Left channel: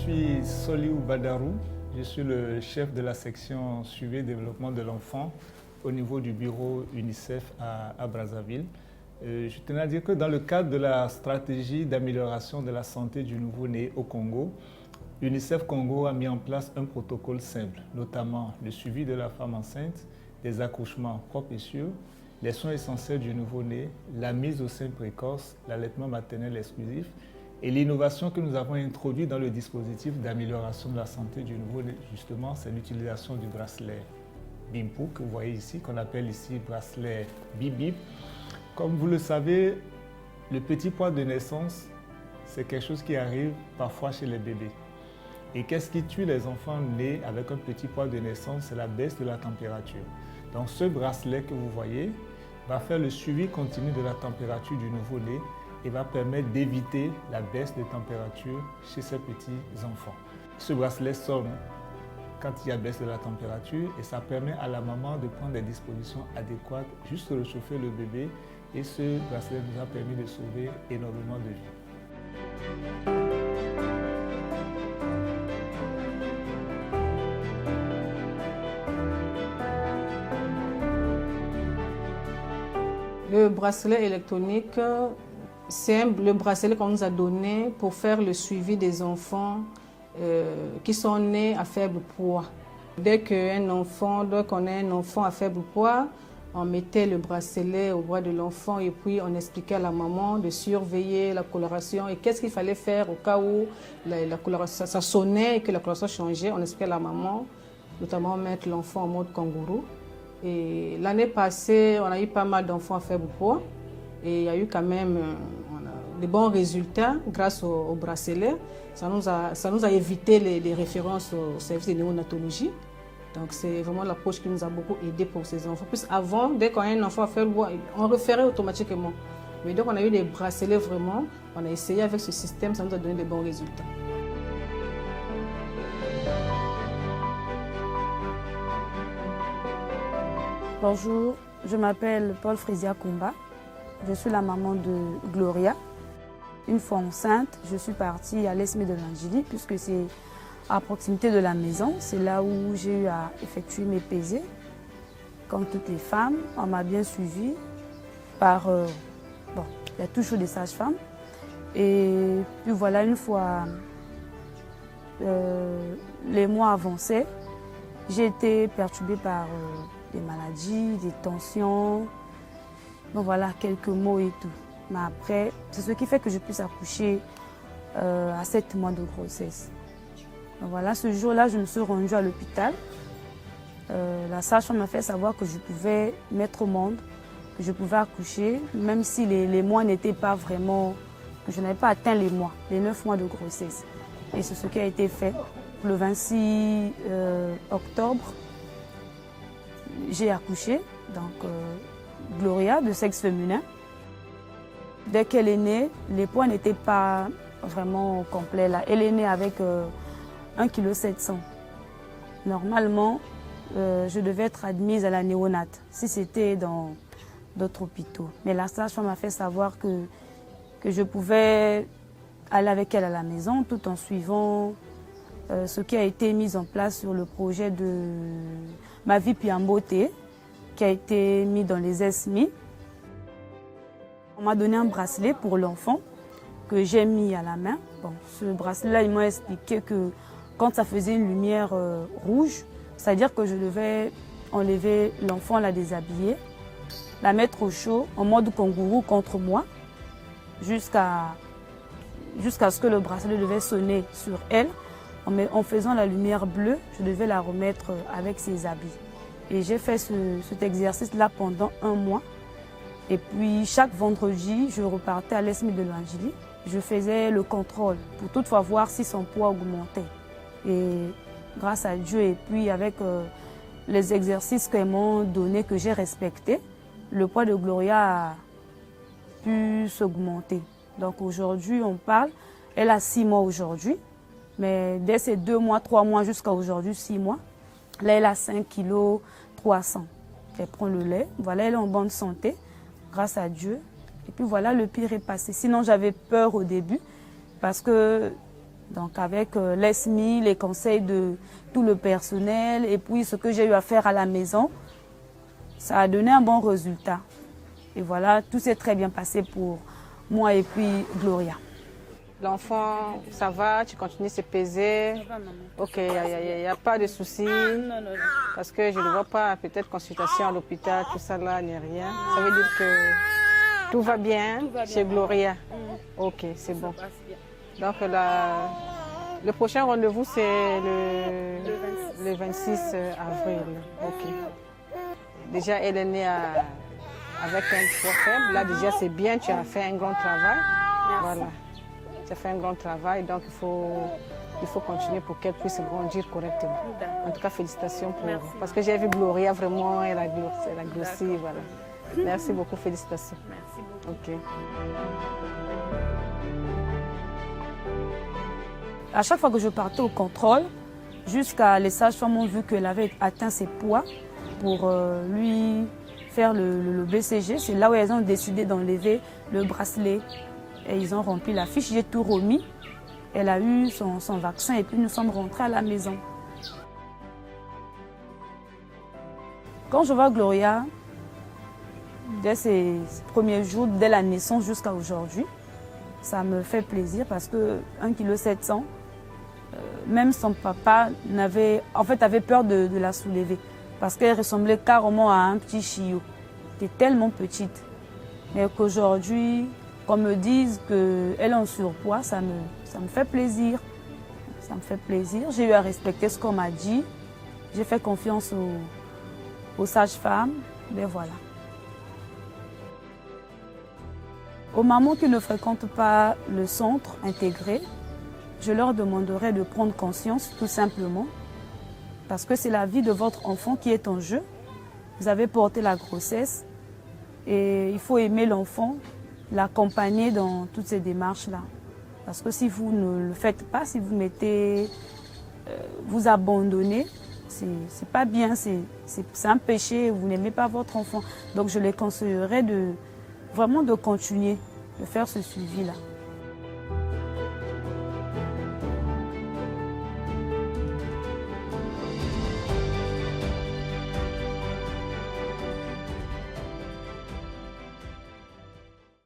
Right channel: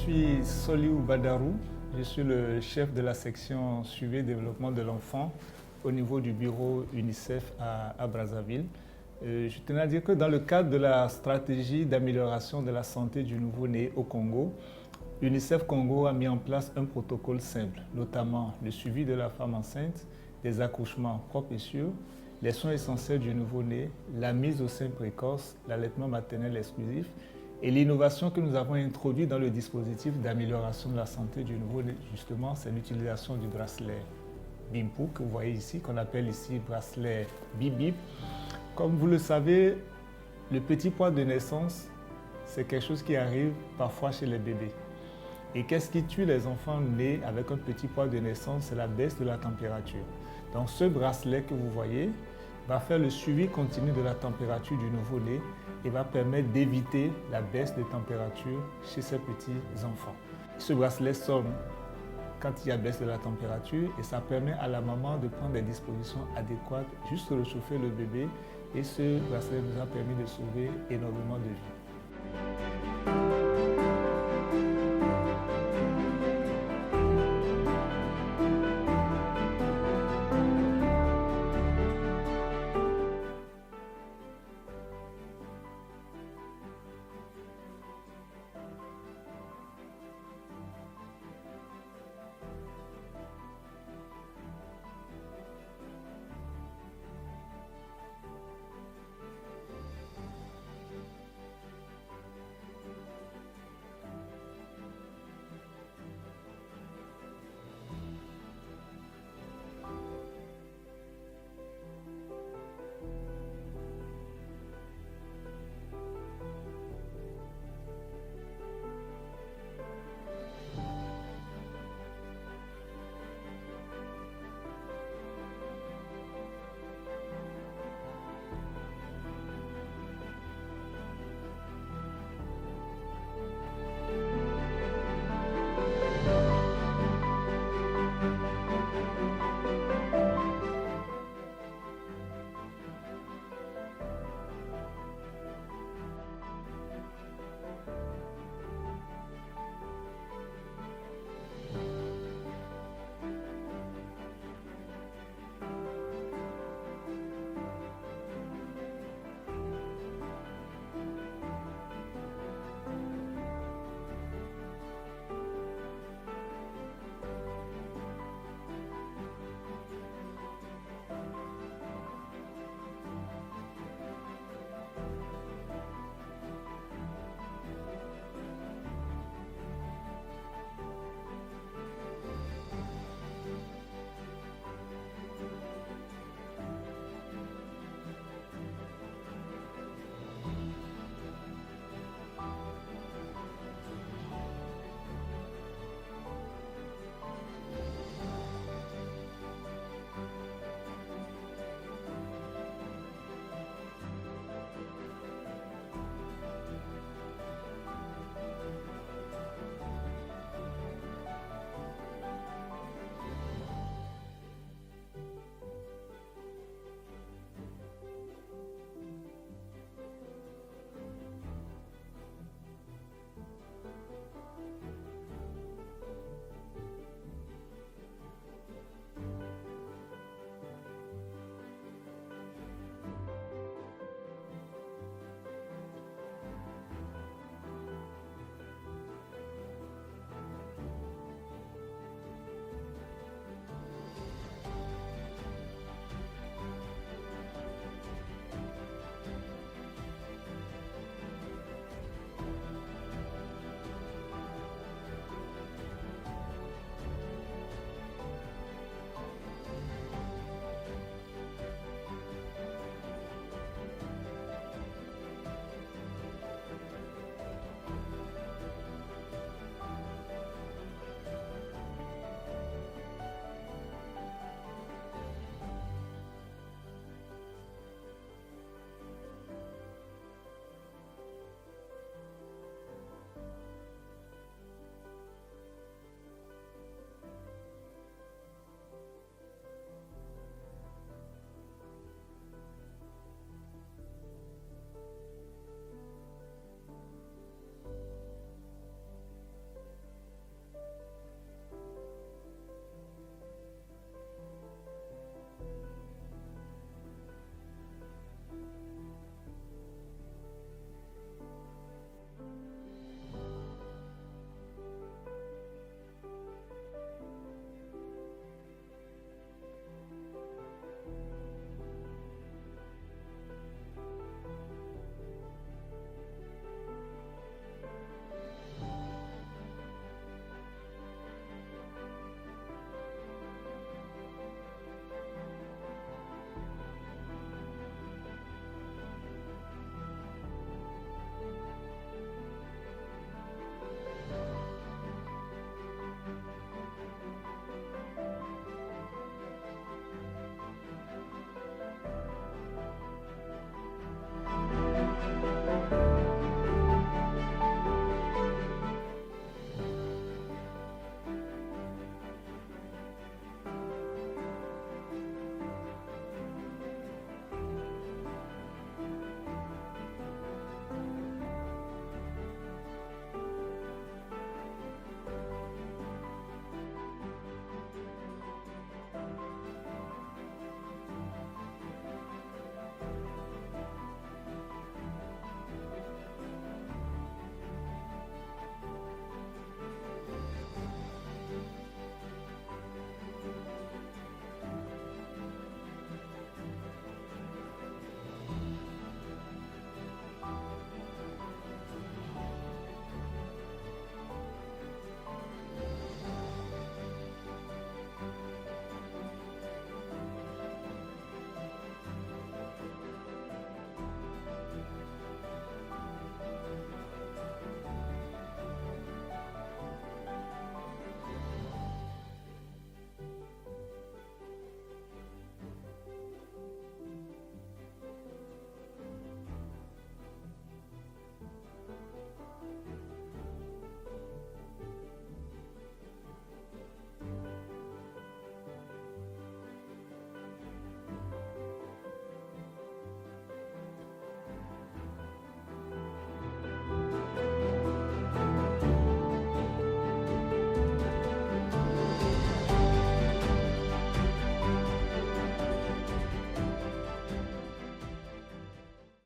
suis Soliou Badarou, je suis le chef de la section suivi et développement de l'enfant au niveau du bureau UNICEF à Brazzaville. Je tenais à dire que dans le cadre de la stratégie d'amélioration de la santé du nouveau-né au Congo, UNICEF Congo a mis en place un protocole simple, notamment le suivi de la femme enceinte, des accouchements propres et sûrs, les soins essentiels du nouveau-né, la mise au sein précoce, l'allaitement maternel exclusif et l'innovation que nous avons introduite dans le dispositif d'amélioration de la santé du nouveau-né, justement, c'est l'utilisation du bracelet BIMPU que vous voyez ici, qu'on appelle ici bracelet BIBIP. Comme vous le savez, le petit poids de naissance, c'est quelque chose qui arrive parfois chez les bébés. Et qu'est-ce qui tue les enfants nés avec un petit poids de naissance? C'est la baisse de la température. Donc ce bracelet que vous voyez va faire le suivi continu de la température du nouveau-né et va permettre d'éviter la baisse de température chez ces petits enfants. Ce bracelet sonne quand il y a baisse de la température et ça permet à la maman de prendre des dispositions adéquates, juste réchauffer le bébé, et ce bracelet nous a permis de sauver énormément de vies. Le bracelet électronique, c'est le bracelet qu'on nous a donné pour faire le suivi des enfants qui sont nés à faible poids. Dès qu'on a un enfant à faible poids, on mettait le bracelet au bras de l'enfant et puis on expliquait à la maman de surveiller la coloration et qu'est-ce qu'il fallait faire au cas où la coloration, ça sonnait et que la coloration changeait. On expliquait à la maman, notamment mettre l'enfant en mode kangourou. Et l'année passée, on a eu pas mal d'enfants à faible poids et il y a eu quand même des bons résultats grâce au bracelet. Ça nous a évité les références au service de néonatologie. Donc c'est vraiment l'approche qui nous a beaucoup aidé pour ces enfants. Plus avant, dès qu'on a un enfant à faible poids, on référait automatiquement. Mais dès qu'on a eu des bracelets vraiment, on a essayé avec ce système, ça nous a donné des bons résultats. Bonjour, je m'appelle Paul Frisia Kumba. Je suis la maman de Gloria. Une fois enceinte, je suis partie à l'Esme de l'Angélie puisque c'est à proximité de la maison. C'est là où j'ai eu à effectuer mes pesées. Comme toutes les femmes, on m'a bien suivie par... il y a toujours des sages-femmes. Et puis voilà, une fois les mois avançaient, j'ai été perturbée par des maladies, des tensions. Donc voilà, quelques mots et tout. Mais après, c'est ce qui fait que je puisse accoucher à 7 mois de grossesse. Donc voilà, ce jour-là, je me suis rendue à l'hôpital. La sage-femme m'a fait savoir que je pouvais mettre au monde, que je pouvais accoucher, même si les mois n'étaient pas vraiment... que je n'avais pas atteint les mois, les 9 mois de grossesse. Et c'est ce qui a été fait. Le 26 octobre, j'ai accouché, donc Gloria, de sexe féminin. Dès qu'elle est née, les poids n'étaient pas vraiment complets. Là. Elle est née avec 1,7 kg. Normalement, je devais être admise à la néonate si c'était dans d'autres hôpitaux. Mais la sage-femme m'a fait savoir que je pouvais aller avec elle à la maison tout en suivant ce qui a été mis en place sur le projet de Ma vie Piamboté, qui a été mis dans les ESMI. On m'a donné un bracelet pour l'enfant que j'ai mis à la main. Bon, ce bracelet-là, ils m'ont expliqué que quand ça faisait une lumière rouge, c'est-à-dire que je devais enlever l'enfant, la déshabiller, la mettre au chaud en mode kangourou contre moi, jusqu'à ce que le bracelet devait sonner sur elle. En faisant la lumière bleue, je devais la remettre avec ses habits. Et j'ai fait cet exercice-là pendant 1 mois. Et puis chaque vendredi, je repartais à l'Esme de l'Angélie. Je faisais le contrôle pour toutefois voir si son poids augmentait. Et grâce à Dieu et puis avec les exercices qu'elles m'ont donnés, que j'ai respectés, le poids de Gloria a pu s'augmenter. Donc aujourd'hui, on parle, elle a 6 mois aujourd'hui. Mais dès ces 2 mois, 3 mois jusqu'à aujourd'hui, 6 mois, là, elle a 5,3 kg. Elle prend le lait. Voilà, elle est en bonne santé, grâce à Dieu. Et puis voilà, le pire est passé. Sinon, j'avais peur au début parce que Donc avec l'ESMI, les conseils de tout le personnel et puis ce que j'ai eu à faire à la maison, ça a donné un bon résultat. Et voilà, tout s'est très bien passé pour moi et puis Gloria. L'enfant, ça va, tu continues à se peser. Ok, il n'y a pas de souci. Parce que je ne vois pas, peut-être consultation à l'hôpital, tout ça là, ni rien. Ça veut dire que tout va bien chez Gloria. Ok, c'est bon. Donc le prochain rendez-vous, c'est le 26 avril. Ok. Déjà, elle est née avec un poids faible. Là, déjà, c'est bien, tu as fait un grand travail. Merci. Voilà. Tu as fait un grand travail, donc il faut continuer pour qu'elle puisse grandir correctement. En tout cas, félicitations pour elle. Parce que j'ai vu Gloria, vraiment, elle a grossi. Voilà. Merci beaucoup, félicitations. Merci beaucoup. Ok. À chaque fois que je partais au contrôle, jusqu'à les sages-femmes ont vu qu'elle avait atteint ses poids pour lui faire le BCG. C'est là où elles ont décidé d'enlever le bracelet. Et ils ont rempli la fiche, j'ai tout remis. Elle a eu son vaccin et puis nous sommes rentrés à la maison. Quand je vois Gloria, dès ses premiers jours, dès la naissance jusqu'à aujourd'hui, ça me fait plaisir parce que 1,7 kg, même son papa avait peur de la soulever parce qu'elle ressemblait carrément à un petit chiot. Elle était tellement petite. Mais qu'aujourd'hui, qu'on me dise qu'elle est en surpoids, ça me fait plaisir. Ça me fait plaisir. J'ai eu à respecter ce qu'on m'a dit. J'ai fait confiance aux sages-femmes. Ben voilà. Aux mamans qui ne fréquentent pas le centre intégré, je leur demanderai de prendre conscience tout simplement parce que c'est la vie de votre enfant qui est en jeu. Vous avez porté la grossesse et il faut aimer l'enfant, l'accompagner dans toutes ces démarches-là. Parce que si vous ne le faites pas, si vous vous abandonnez, c'est pas bien, c'est un péché, vous n'aimez pas votre enfant. Donc je les conseillerais vraiment de continuer, de faire ce suivi-là.